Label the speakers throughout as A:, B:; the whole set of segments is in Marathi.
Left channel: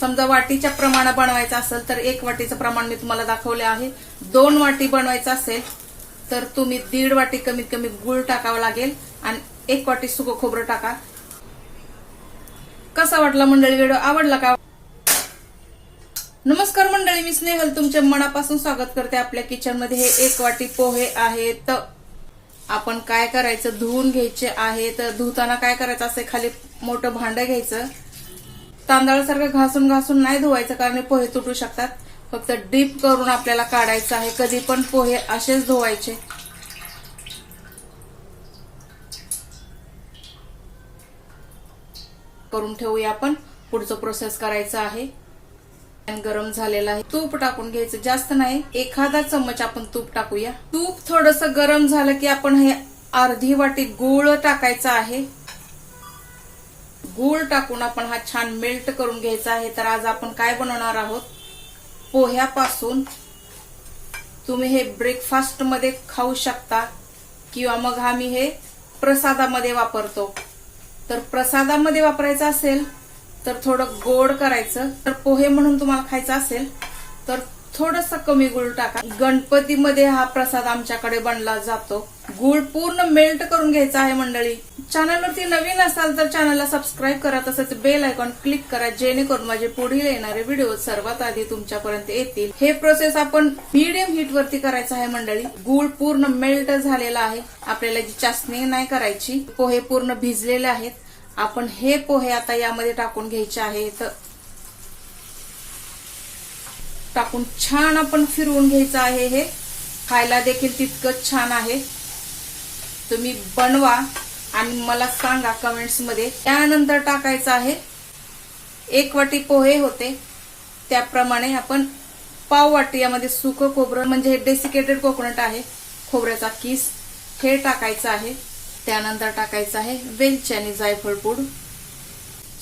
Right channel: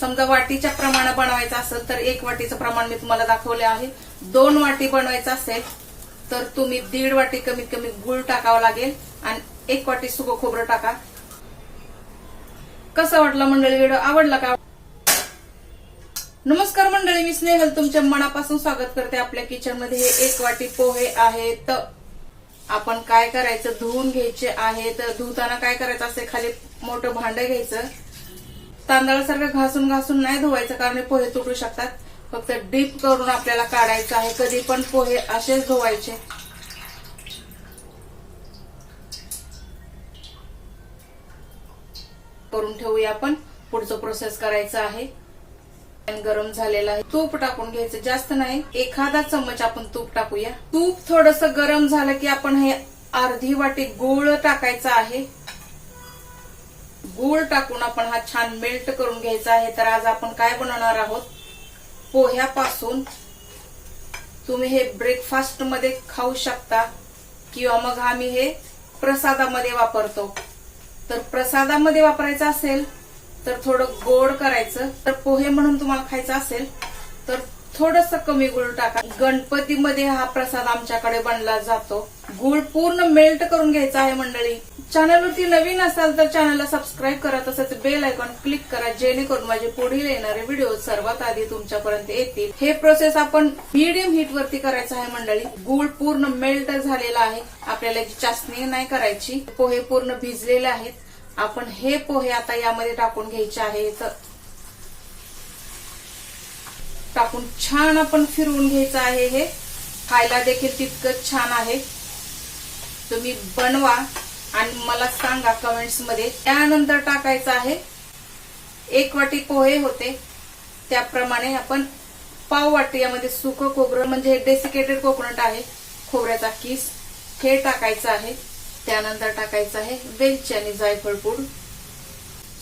A: समजा वाटीच्या प्रमाण बनवायचं असेल तर एक वाटीचं प्रमाण मी तुम्हाला दाखवले आहे. दोन वाटी बनवायचं असेल तर तुम्ही दीड वाटी कमीत कमी गुळ टाकावा लागेल आणि एक वाटी सुकं खोबरं टाका. कसं वाटलं मंडळी व्हिडिओ? आवडला का? नमस्कार मंडळी मी स्नेहल. तुमच्या मनापासून स्वागत करते आपल्या किचनमध्ये हे एक वाटी पोहे आहेत. आपण काय करायचं? धुवून घ्यायचे आहेत. धुताना काय करायचं? असे खाली मोठं भांडं घ्यायचं. तांदळासारखं घासून घासून नाही धुवायचं कारण पोहे तुटू शकतात. फक्त डीप करून आपल्याला काढायचं आहे. कधी पण पोहे असेच धुवायचे. करून ठेवूया आपण. पुढचं प्रोसेस करायचं आहे. पॅन गरम झालेलं आहे. तूप टाकून घ्यायचं. जास्त नाही. एखादा चम्मच आपण तूप टाकूया. तूप थोडस गरम झालं की आपण हे अर्धी वाटी गुळ टाकायचं आहे. गूळ टाकून आपण हा छान मेल्ट करून घ्यायचा आहे. तर आज आपण काय बनवणार आहोत? पोह्यापासून तुम्ही हे ब्रेकफास्टमध्ये खाऊ शकता किंवा मग आम्ही हे प्रसादामध्ये वापरतो. तर प्रसादामध्ये वापरायचं असेल तर थोडं गोड करायचं. तर पोहे म्हणून तुम्हाला खायचं असेल तर थोडस कमी गुळ टाका. गणपतीमध्ये हा प्रसाद आमच्याकडे बनला जातो. गुळ पूर्ण मेल्ट करून घ्यायचा आहे मंडळी. चॅनलवरती नवीन असाल तर चॅनलला सबस्क्राईब करा तसंच बेल आयकॉन क्लिक करा जेणेकरून माझे पुढील येणारे व्हिडिओ सर्वात आधी तुमच्यापर्यंत येतील. हे प्रोसेस आपण मीडियम हीट वरती करायचं आहे मंडळी. गुळ पूर्ण मेल्ट झालेला आहे. आपल्याला जी चाचणी नाही करायची पोहे पूर्ण भिजलेले आहेत. आपण हे पोहे आता यामध्ये टाकून घ्यायचे आहेत टाकून छान आपण फिरवून घ्यायचं आहे हे. खायला देखील तितकंच छान आहे. तुम्ही बनवा. आणि मला सांगा कमेंट्समध्ये त्यानंतर टाकायचं आहे. एक वाटी पोहे होते. त्याप्रमाणे आपण पाव वाटी यामध्ये सुकं खोबरं म्हणजे डेसिकेटेड कोकोनट आहे खोबऱ्याचा किस हे टाकायचं आहे. त्यानंतर टाकायचं आहे वेलची आणि जायफळ पूड.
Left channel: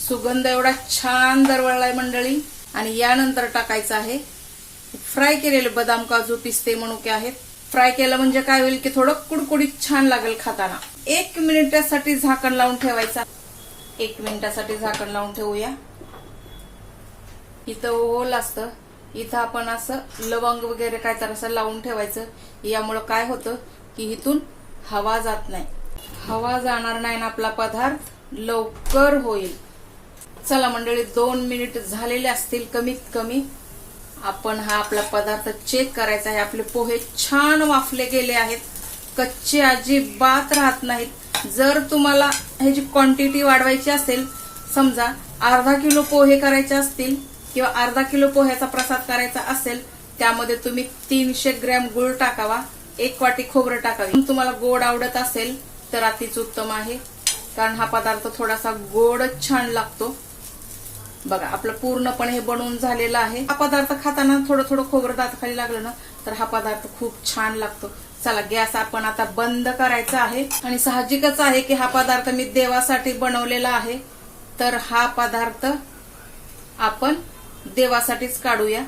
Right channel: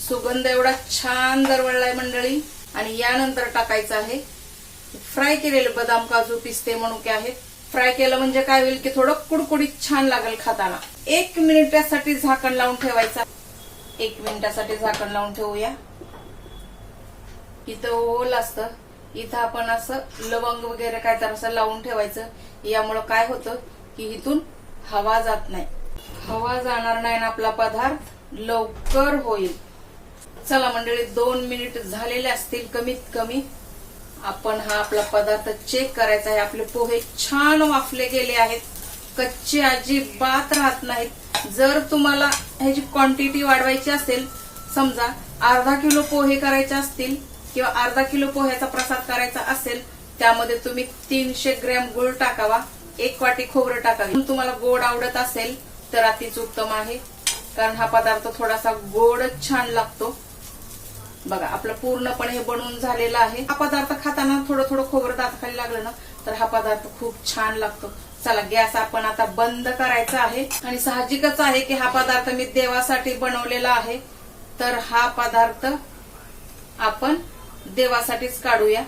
A: सुगंध एवढा छान दरवळलाय मंडळी. आणि यानंतर टाकायचं आहे फ्राय केलेले बदाम काजू पिस्ते मनुके आहेत. फ्राय केलं म्हणजे काय होईल की थोडं कुडकुडीत छान लागेल खाताना. एक मिनिटासाठी झाकण लावून ठेवायचा. एक मिनिटासाठी झाकण लावून ठेवूया. इथं ओल असतं. इथं आपण असं लवंग वगैरे काय तर असं लावून ठेवायचं. यामुळं काय होतं की इथून हवा जात नाही. हवा जाणार नाही ना आपला पदार्थ लवकर होईल. चला मंडळी दोन मिनिट झालेले असतील कमीत कमी. आपण हा आपला पदार्थ चेक करायचा आहे. आपले पोहे छान वाफले गेले आहेत. कच्चे अजिबात राहत नाहीत. जर तुम्हाला ह्याची क्वांटिटी वाढवायची असेल समजा अर्धा किलो पोहे करायचे असतील किंवा अर्धा किलो पोह्याचा प्रसाद करायचा असेल त्यामध्ये तुम्ही तीनशे ग्रॅम गुळ टाकावा एक वाटी खोबरं टाकावी. तुम्हाला गोड आवडत असेल तर अतिच उत्तम आहे. कारण हा पदार्थ थोडासा गोडच छान लागतो. बघा आपलं पूर्णपणे हे बनवून झालेलं आहे. हा पदार्थ खाताना थोडं थोडं खोबरं दाताखाली लागलं ना तर हा पदार्थ खूप छान लागतो. चला गॅस आपण आता बंद करायचा आहे. आणि साहजिकच आहे की हा पदार्थ मी देवासाठी बनवलेला आहे. तर हा पदार्थ आपण देवासाठीच काढूया.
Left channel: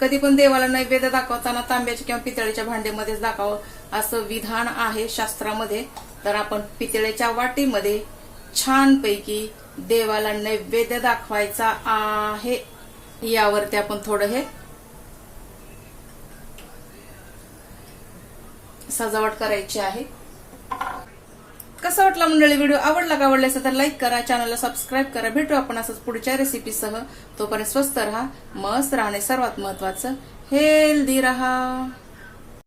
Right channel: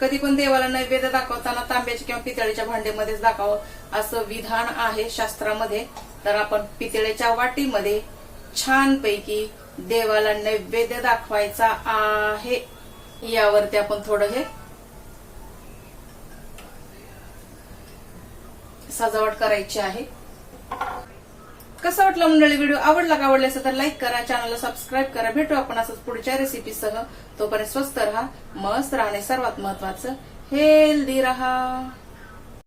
A: कधी पण देवाला नैवेद्य दाखवताना तांब्याच्या किंवा पितळेच्या भांडेमध्येच दाखवावं असं विधान आहे शास्त्रामध्ये. तर आपण पितळेच्या वाटीमध्ये छानपैकी देवाला नैवेद्य दाखवायचा आहे. यावरती आपण थोडं हे सजावट करायची आहे. कसं वाटलं मंडळी व्हिडिओ? आवडला का? आवडला असेल तर लाईक करा. चॅनलला सबस्क्राईब करा. भेटू आपण असंच पुढच्या रेसिपीसह तोपर्यंत स्वस्त राहा मस्त राहणे सर्वात महत्वाचं हेल्दी राहा.